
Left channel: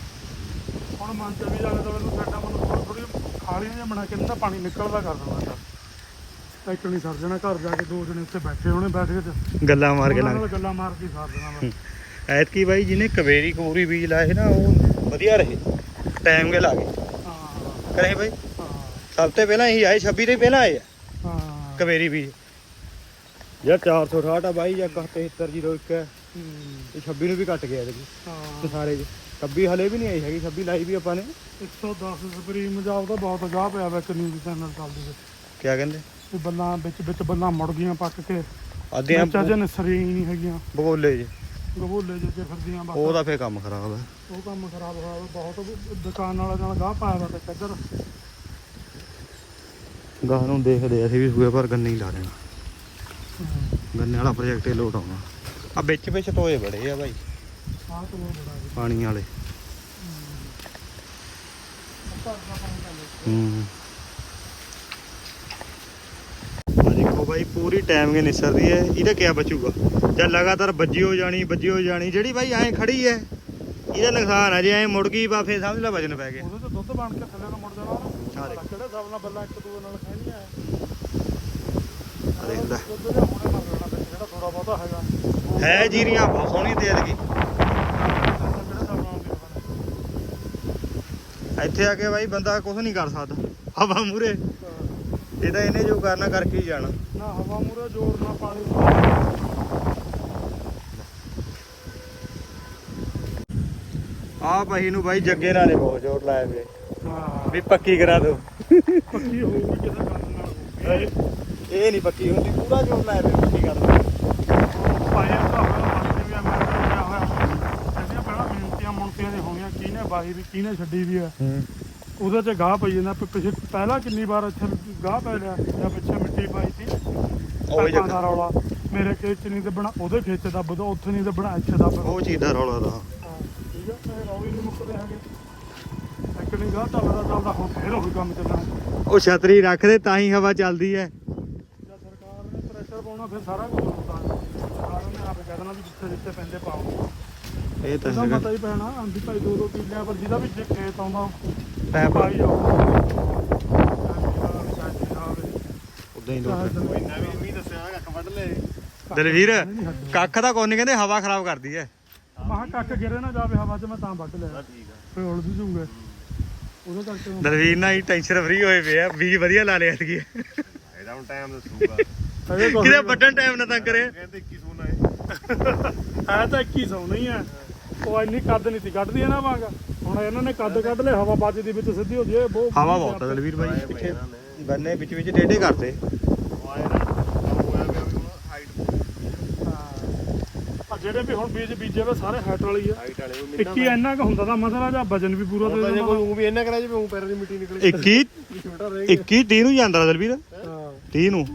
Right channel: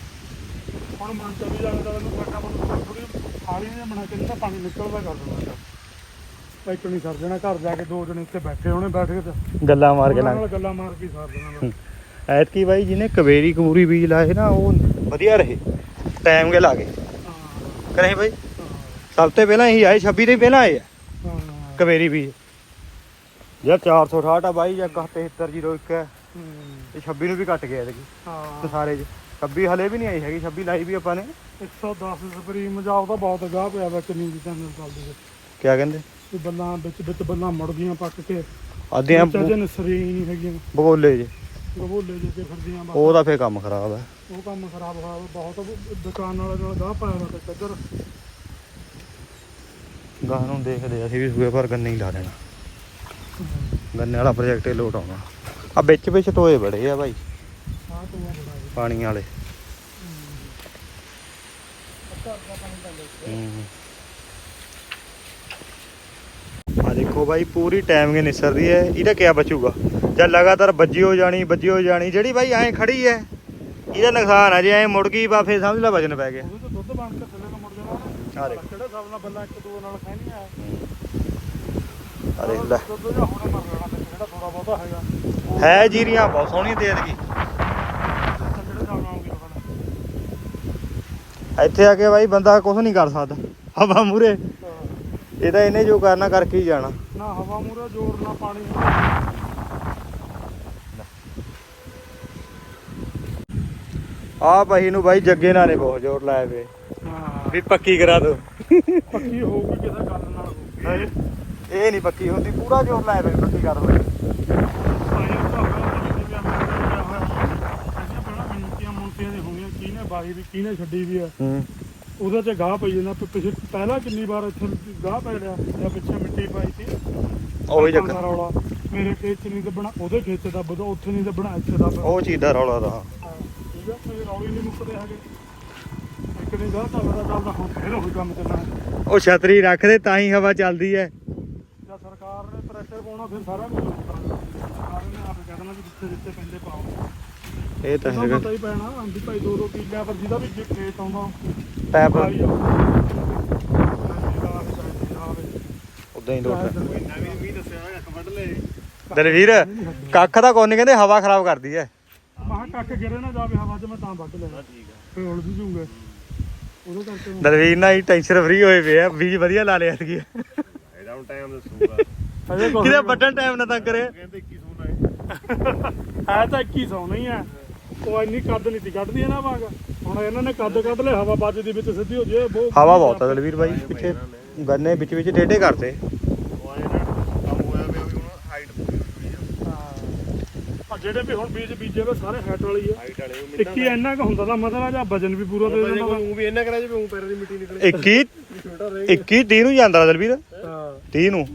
ਹੁਣ ਮਨ ਚ ਵੀ ਜਾਗਦਾ ਮੈਨੂੰ ਸਾਡਾ ਮਨ ਥੋੜੀ ਖਾਲੀਆਂ ਜਿਹਾ ਬਣਾ ਕੇ ਨਾ ਪਾਣੀ ਨਿਕਲਦਾ ਕਰ ਦਿੰਦਾ ਇੱਕ ਨਹੀਂ ਸਰ ਜਾਣਾ ਘਰ ਜਾ ਕੇ ਦੋ ਦਿਨ ਇੱਥੇ ਬੈਠੇ ਹੋਣੇ ਬੈਠ ਕੇ ਤੇ ਗੱਲਾਂ ਮਾਰ ਕੇ ਉਹਨਾਂ ਲੰਘ। ਗੱਲਾਂ ਮਾਰ ਕੇ ਸਰ ਦੇਣਾ ਐਤਕੀ ਬਾਈ ਜਿਹਨੇ ਕਵੇਰੀ ਕਬੂਰੀ ਬੀਜ ਲਾਏ ਨਾ ਉਹ ਵਧੀਆ ਰਹੇ। ਟਾਈਮ ਕੇ ਲਾ ਗਏ ਹਾਂ। ਕਰੇ ਬਾਈ। ਹਾਂ। ਸਭ ਤੋਂ ਪਹਿਲਾਂ ਇਹੀ ਆਏ 26 ਤੋਂ ਹੀ ਪਹਿਲਾਂ ਆਏ ਆ। ਕਵੇਰੀ ਬੀਜ ਜਿਹੜਾ 468 ਆ ਬਾਈ ਜਾਂ 7301 ਹੈ। ਇਹ 26 ਨੂੰ ਵੀ ਕੱਟ ਗਿਆ ਇਹਦੇ ਹਾਂ। ਸਾਰੇ 'ਚ। 26 ਹਲੇ ਵੀ ਨਹੀਂ ਆਈ ਹੈਗੀ 26 ਲਾਈ ਵੀ ਆਪਾਂ ਨੇ। 110 ਸਪਰੀਮ ਜਾਓ ਤਾਂ ਬਹੁਤ ਗਾਹ ਪਿਆ ਵਾ ਕਿੰਨੀ ਦੀ ਚੈਨਲ ਚੱਲਦੀ ਹੈ। ਕਿਆ ਕਹਿੰਦੇ? ਵੀ ਬੱਲਾਂ ਵਿੱਚ ਵਿੱਚ ਬੱਲਾਂ ਮੁੜ ਗਈਆਂ ਪੱਕ ਕੇ। ਆਦੀਆਂ ਵਿੱਚ ਅਜੇ ਨਸਰੀ ਨਹੀਂ ਹੈਗੀਆਂ। ਬਗੋਲੇ ਜੇ ਗਬੋਲੇ ਜੇ ਕੇ ਫਿਰਦੀਆਂ ਬਸ ਉਹਦਾ ਫੇਰ ਕੰਮ ਖਰਾਬ ਹੈ ਉਹ ਕੰਮ ਖਰਾਬ ਹੋਇਆ ਵਾ, ਬਹੁਤ। ਦੁਕਾਨ ਵਾਲੇ ਨਾਲ ਗਾਹ ਪਾਇਆ ਵਾ ਤੇ ਚੱਦਰ ਗਾਹ ਨੂੰ ਦੇਖਦੇ ਅਸੀਂ ਵੀ ਸੂਏ ਪਰ ਗੰਨੇ ਹੀ ਲਾ ਦੇਣਾ। ਗੰਨੇ ਵਾਲਾ ਪ੍ਰੋਜੈਕਟ ਇਹ ਲੋਟ ਆਉਣਾ। ਆ ਵਿੱਚ ਵਿੱਚ ਟੋਏ ਬੜੇ ਆ ਜੀ। ਪਾਣੀ ਵਾਲੇ। ਹੂੰ। ਆ ਦੇਖੋ ਬਾਈ ਪੂਰੀ ਟਾਈਮ ਕੇ ਨਿਸਰ ਰਹੀ ਹੈ। ਇਹਦਾ ਕਿਆ ਬਚੂਗਾ? ਜਾਂ ਲਗਾਤਾਰ ਵੱਜੀ ਹੋ ਜਾਣੀ ਵੱਜੀ ਹੋ ਜਾਣੀ ਜਿਹੜੀ ਬਾਈ ਐਂ ਖੜੀ ਹੈ ਇਹਦਾ ਨੁਕਸਾਨ ਆ ਜੇ ਐਂ ਮੁੜ ਗਈ ਬਾ ਫੇਰ ਸਮਝ ਲੈ ਵਜਨ ਪੈ ਗਿਆ। ਉਹਦੇ ਤੋਂ ਦੁੱਧ ਬਣ ਕੇ ਥੱਲੇ ਨੂੰ ਮੁੜ ਜਾਣਾ। ਆ ਦੇਖ। ਕਿਹੜਾ ਹਿਸਾਬ ਨਾਲ ਬੱਲਾਂ ਇੱਕ ਦੂਜੇ ਨਾਲ ਖੈਂਦੀਆਂ ਆ ਦੇਖ ਲੈ। ਦਾ ਹੈ ਜੀਰੀਆਂ ਬਹੁਤ ਸੋਹਣੀ ਦੇ ਦੇਗੀ ਜਿਹੜੇ ਹਿਸਾਬ ਨਾਲ ਵੀ ਹੋਣਾ ਇੱਥੇ ਆ ਕੇ ਬਾਈ ਬੰਦਾ ਕੁਝ ਨਹੀਂ ਕਰ ਸਕਦਾ। ਹਵਾ ਮੂਰੇ ਇਹ ਤਾਂ ਇਹਨੇ ਜੋ ਕਰਨਾ ਕਰਕੇ ਹੀ ਜਾਣਾ। ਨਾ ਹਵਾ ਮੂਰਾ ਜ਼ੋਰ ਨਾ ਪਾਣੀ ਆ ਪਹੀ ਨੂੰ ਬਾਈ ਜੱਗੇ ਨਾਲ ਨੇ ਬਹੁਤ ਜ਼ੋਰ ਲਾਇਆ ਗਏ ਵੀ ਪੱਕੀ ਕਰਾ ਦੋ। ਪੱਕੀ ਹੋਊਗੀ ਕਿਸੇ ਗੱਲ ਨਾਲ ਹੋਊਗੀ। ਇਹ ਨਹੀਂ ਪੱਕੀ ਹੁੰਦੀ ਪੂਰਾ ਜ਼ੋਰ ਲਾਇਆ ਵੇ ਪੱਕੀ ਕਰ ਦੋ ਦਾ ਦੀ ਹੋਣੀਆਂ ਕਿਹਨੇ ਬਾਈ ਵੀ ਕਿਹਨੇ ਛੱਡੀ ਵੀ ਆ ਹੂੰ। ਉਹਦੇ ਚ ਗਾਹ ਪਈ ਜਾਂਦਾ ਪਿਛੇ ਪਹਿਲਾਂ ਕਿੰਨੀ ਵਾਰ ਇੱਥੇ ਗਾਹ ਪੈ ਲਿਆ ਜਾਂ ਪਿੱਛੇ ਮਿੱਟੀ ਪਾਈ ਸੀ। ਉਹੀ ਦਾ ਜੱਗਾ ਰੌਲਾ। ਮੇਰੇ ਖੇਤ ਚ ਨਹੀਂ ਦੱਬਣਾ ਉਹਦੇ ਖੇਤ ਚ ਦੱਬਦਾ ਉੱਥੇ ਨਹੀਂ ਦੱਬਣਾ ਇੱਥੇ ਦੱਬ ਉਹ ਚੀਜ਼ ਦਾ ਰੌਲਾ ਦਾ ਠੀਕ ਆ ਮੇਰੇ ਰੌਲੇ ਨਹੀਂ ਮੁੱਕਦੇ ਹੈਗੇ। ਇੱਕ ਨਹੀਂ ਗਾਹ ਚੱਲਦਾ ਚੱਲਦਾ ਹੁਣ ਫੇਰ ਉਹੀ ਕੰਮ ਚੱਲਣਾ ਉਹ ਛਤਰੀ ਰੱਖਦੇ ਤਾਂ ਹੀ ਹਵਾ ਚੱਲਦੀ ਹੈ। ਪ੍ਰੈਸ਼ਰ ਪਾਉਣਾ ਫਿਰ ਸਾਰਾ ਕੁਝ ਹੁੰਦਾ ਸਰਕਾਰ ਨੇ ਆਪੇ ਕਹਿ ਦੇਣਾ ਵੀ ਜਿੱਥੇ ਜਿੱਥੇ ਪੈਂਦੇ ਪਾਓ। ਇਹ ਤਾਂ ਹੈਗਾ। ਪਤਾ ਹੀ ਪੈਣਾ ਵੀ ਭਾਈ ਦੋ ਦੋ ਕਿੱਲਿਆਂ ਪਰ ਜਿਹਦਾ ਵੀ ਜੇ ਖੇਤ ਆਉਂਦਾ ਪੈਪ ਪਾਈ ਜਾਓ ਉਦਾਂ ਹੀ ਲੋਟ ਵੀ ਦੱਸਿਆ ਹੈਗਾ ਵੱਢ ਲੈ ਦਲਵੀਰ ਕੱਖ ਦਾ ਕੋਈ ਨਹੀਂ ਕਹਿੰਦੇ ਹਵਾ ਖਰਾਬ ਕਰਦੀ ਹੈ ਮਹਾ ਕੱਕ ਗਿਰੇ ਨਾ ਜਾਵੇ ਹਵਾ 'ਚ ਮੈਂ ਤਾਂ ਵੱਢ ਲਿਆ। ਠੀਕ ਆ। ਫੇਰ ਉਲਝ ਜੂਗਾ। ਉਹਦੇ ਕਰਕੇ ਦਲਵੀਰ ਨਾਲ ਹੀ ਟੈਨਸ਼ਨ ਫਰੀ ਹੋਏ ਪਏ ਆ। ਬੀਜ ਵਧੀਆ ਲਾ ਲਿਆ ਸੀ ਇਹਦਾ ਹੁਣ ਟਾਈਮ ਦੱਸੂਗਾ। ਕਿਤੇ ਵੱਡਣ ਟਾਈਮ ਨਾ ਤੰਗ ਕਰੇ। ਕਹਿੰਦੇ 21 ਸੋਨਾ ਹੈ ਹੈ ਤਾਂ 2100 ਨਹੀਂ ਆ। ਉਹ ਇੰਨੀ ਕੱਦ ਨਹੀਂ ਤੀ ਕੱਢਦੀ ਹੈ ਨਾ ਵਾਂਗ। ਹੁਣ ਇਹਨਾਂ ਨੇ ਕੱਦ ਕੱਢ ਲਿਆ ਹਵਾ ਵੱਜਦੀ ਵਿੱਚ ਸਿੱਧੀ ਹੋ ਜੇ ਬਹੁਤ ਹਵਾ ਬਹੁਤ ਆ ਦਲਵੀਰ ਬਾਈ ਪਿੱਛੇ ਗੰਨੇ ਵਿੱਚ ਵਿੱਚ ਟੇਢੇ ਕਰਤੇ ਆ ਜਿਹੜੇ ਵੀ ਹੁਣ ਬੀਜ ਬੀਜੇ ਵੇ ਸਾਰੇ ਹੈਟ ਵਾਲੀ ਆ। ਹਾਈਟ ਵਾਲੇ ਉਹ 21 ਇੰਨਾ ਕੁ ਹੁੰਦਾ ਤਾਂ ਮਸਲਾ ਜਾਂ ਵਜਨ ਵੀ ਪੂਰਾ ਦੇ ਦਿੰਦਾ ਵਾ। ਉਹ ਵੀ ਇੰਨਾ ਕਰਾ ਉਹ ਪੈਰ ਦੀ ਮਿੱਟੀ ਨਿਕਲੇ। 21 ਛੋਟਾ ਰਹਿ 21 30 ਨੂੰ ਜਾਂਦਾ ਦਲਵੀਰ। ਹਾਂ। 30 ਨੂੰ।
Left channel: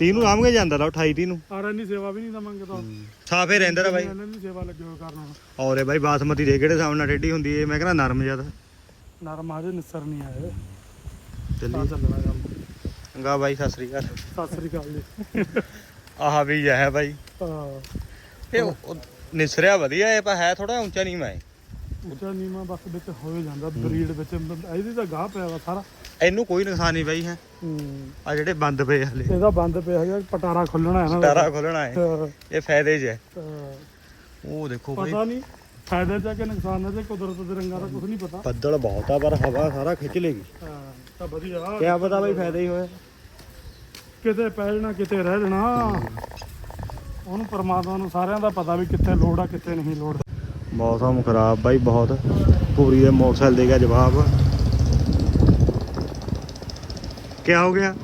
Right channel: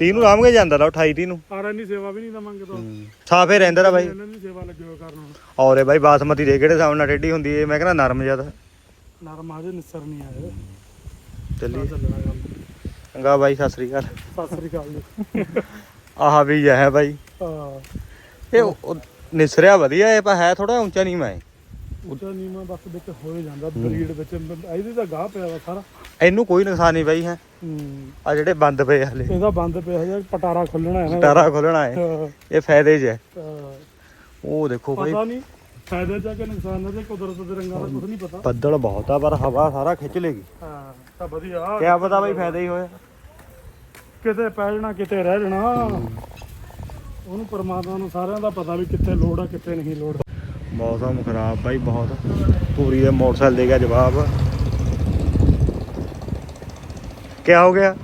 30 ਨੂੰ ਆਰਾਮ ਕੇ ਜਾਂਦਾ ਲਾ 28 30 ਨੂੰ। ਪਰ ਇੰਨੀ ਸੇਵਾ ਵੀ ਨਹੀਂ ਤਾਂ। ਮੰਗਦਾ ਸਾਫੇ ਰਹਿੰਦਾ ਰਾ ਬਾਈ। ਇਹਨਾਂ ਦੀ ਸੇਵਾ ਲੱਗੇ ਹੋਏ ਕਰਨਾ ਔਰੇ ਬਾਈ ਬਾਸਮਤੀ ਦੇ ਕਿਹੜੇ ਹਿਸਾਬ ਨਾਲ ਟੇਢੀ ਹੁੰਦੀ ਏ? ਮੈਂ ਕਹਿੰਦਾ ਨਰਮ ਜ਼ਿਆਦਾ ਨਰਮ ਆਜੇ ਨਿਸਰ ਨਹੀਂ ਆਏ ਚੱਲੀ ਤਾਂ ਚੱਲਣਾ ਕੰਮ। ਬਾਈ ਸਤਿ ਸ੍ਰੀ ਅਕਾਲ। ਸਤਿ ਸ੍ਰੀ ਅਕਾਲ ਜੀ। ਆਹ ਵੀ ਹੈ ਬਾਈ। ਹਾਂ। ਇਹ ਨਿਸਰਿਆ ਵਧੀਆ ਏ ਪਰ ਹੈ ਥੋੜਾ ਉੱਚਾ ਨਹੀਂ ਮੈਂ ਉੱਚਾ ਨੀਵਾਂ ਬਸ ਵਿੱਚ ਹੋਏ ਜਾਂਦਾ ਬਰੀਡ ਵਿੱਚ। ਇਹਦੀ ਤਾਂ ਗਾਹ ਪਿਆ ਵਾ ਸਾਰਾ। ਇਹਨੂੰ ਕੋਈ ਨੁਕਸਾਨ ਨਹੀਂ ਬਾਈ ਹੈ। ਹੂੰ। ਆ ਜਿਹੜੇ ਬੰਦ ਪਏ ਆ ਹਲੇ। ਇਹਦਾ ਬੰਦ ਪਿਆ ਹੈ ਪਟਾਰਾ ਖੁੱਲਣਾ ਹੈ ਨਾ। ਤਾਰਾ ਖੋਲਣਾ ਹਾਂ, ਇਹ ਫਾਇਦੇ 'ਚ ਹੈ। ਉਹ ਦੇਖੋ ਬਾਈ। ਪਤਾ ਨਹੀਂ ਫਾਇਦੇ ਚ ਕਿ ਨੁਕਸਾਨ ਹੈ ਤੇ ਕੁਦਰਤ ਦੇ ਰੰਗਾਂ ਦਾ ਕੁਝ ਨਹੀਂ ਪਤਾ। ਬੱਦਲ ਬਹੁਤ ਆ ਪਰ ਹਵਾ ਸਾਰਾ ਖਿੱਚ ਲੇਗੀ। ਹਾਂ ਤਾਂ ਵਧੀਆ। ਕਿਆ ਪਤਾ ਬਾਈ ਫਾਇਦਾ ਹੀ ਹੋਇਆ। ਕਿਤੇ ਪੈ ਜਾਣਾ ਕਿਤੇ ਰਹਿ ਜਾਣਾ। ਉਹਨੂੰ ਪਰਮਾਤਮਾ ਨੂੰ ਸਾਰਿਆਂ ਦਾ ਪਤਾ ਵੀ ਕਿੱਥੇ ਲੋੜ ਆ ਕਿੱਥੇ ਨਹੀਂ ਲੋੜ। ਮੌਸਮ ਖਰਾਬ ਬਾਈ ਬਹੁਤ। ਪੂਰੀ ਦੇ ਮੋਟਰਸਾਈਕਲ ਦੇ ਗਿਆ ਜਵਾਬ। ਕਿਆ ਹੋ ਗਿਆ?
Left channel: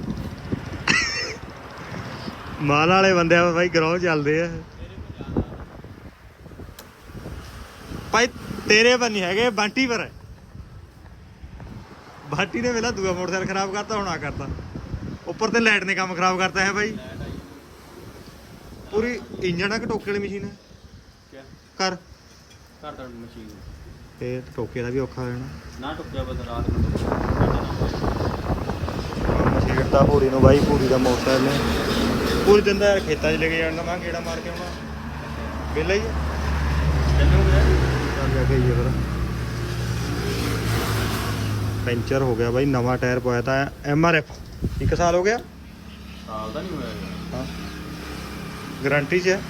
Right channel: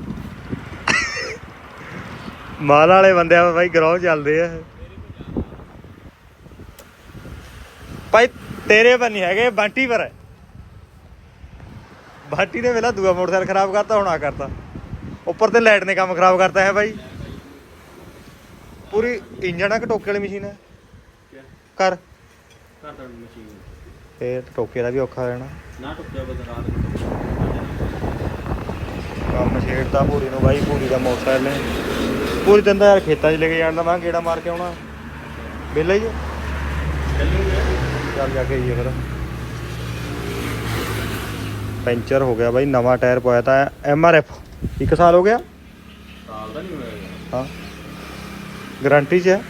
ਮਾਲ ਵਾਲੇ ਬੰਦੇ ਆ ਬਾਈ ਗਰਾਉ ਚੱਲਦੇ ਆ। ਭਾਈ ਤੇਰੇ ਪਰ ਨਹੀਂ ਹੈਗੇ ਬੰਟੀ ਪਰ ਹੈ। ਬੰਟੀ ਨੇ ਵੇਲਾ ਦੂਆ ਮੋਟਰਸਾਈਕਲ ਖਰਾਬ ਕਰਤਾ ਹੁਣ ਆ ਕਰਤਾ। ਉੱਪਰ ਤੇ ਲਾਈਟ ਨੇ ਕੰਮ ਖਰਾਬ ਕਰਤਾ ਹੈ ਭਾਈ ਪੂਰੀ ਇੰਜਣ ਆ ਕਿ ਟੋਕੇ ਵਾਲੀ ਮਸ਼ੀਨ ਹੈ? ਕਰ। ਮਸ਼ੀਨ ਤੇ ਟੋਕੇ ਦਾ ਵੀ ਔਖਾ ਹੋ ਜਾਣਾ ਨਾ ਟੁੱਕਿਆ ਬਸ ਰਾਤ ਨੂੰ ਟੁੱਕਿਆ। ਕੰਮ ਛੇੜਦਾ ਪੂਰੀ ਨੂੰ ਬਾਈ ਪੂਰੀ ਦਾ ਮੋਟਰਸਾਈਕਲ ਨੇ। ਪੂਰੀ ਦਿਨ ਤਾਂ ਯਾਰ ਖੇਤਾਂ 'ਚ ਲੈ ਕੇ ਜਾਣ ਦਾ ਮੈਂ ਕਿਹੜਾ ਮਾਰ ਕੇ ਆਉਣਾ। ਵਿਹਲਾ ਹੀ ਹੈ। ਚੱਲੂਗੇ। ਚੱਲ ਜਾ ਕੇ ਆਈਏ ਫਿਰ। ਪੈਂਚਰ ਹੋ ਗਿਆ ਬਾਈ ਨਵਾਂ ਟਾਇਰ ਪਾਇਆ ਤਾਂ ਐਮ ਆਰ ਐਫ। ਇੱਕ ਸਾਲ ਹੋ ਗਿਆ? ਸਾਲ ਦਾ ਨਹੀਂ ਹੋਇਆ ਯਾਰ। ਹਾਂ। ਗਾਰੰਟੀ 'ਚ ਹੈ।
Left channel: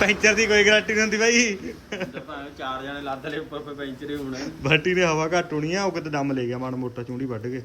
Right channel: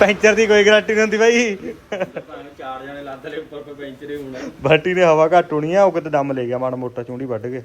ਪੈਂਚਰ ਦੀ ਕੋਈ ਗਾਰੰਟੀ ਨਹੀਂ ਹੁੰਦੀ ਬਾਈ। ਚਾਰ ਜਣੇ ਲੱਦ ਲੈ ਉੱਪਰ ਪੈਂਚਰੇ ਹੋਣਾ। ਬਾਟੀ ਨੇ ਹਵਾ ਘੱਟ ਹੋਣੀ ਆ ਉਹ ਕਿਤੇ ਦਮ ਲੈ ਗਿਆ ਮਾੜਾ ਮੋਟਾ ਚੁੰਡੀ ਵੱਢ ਕੇ।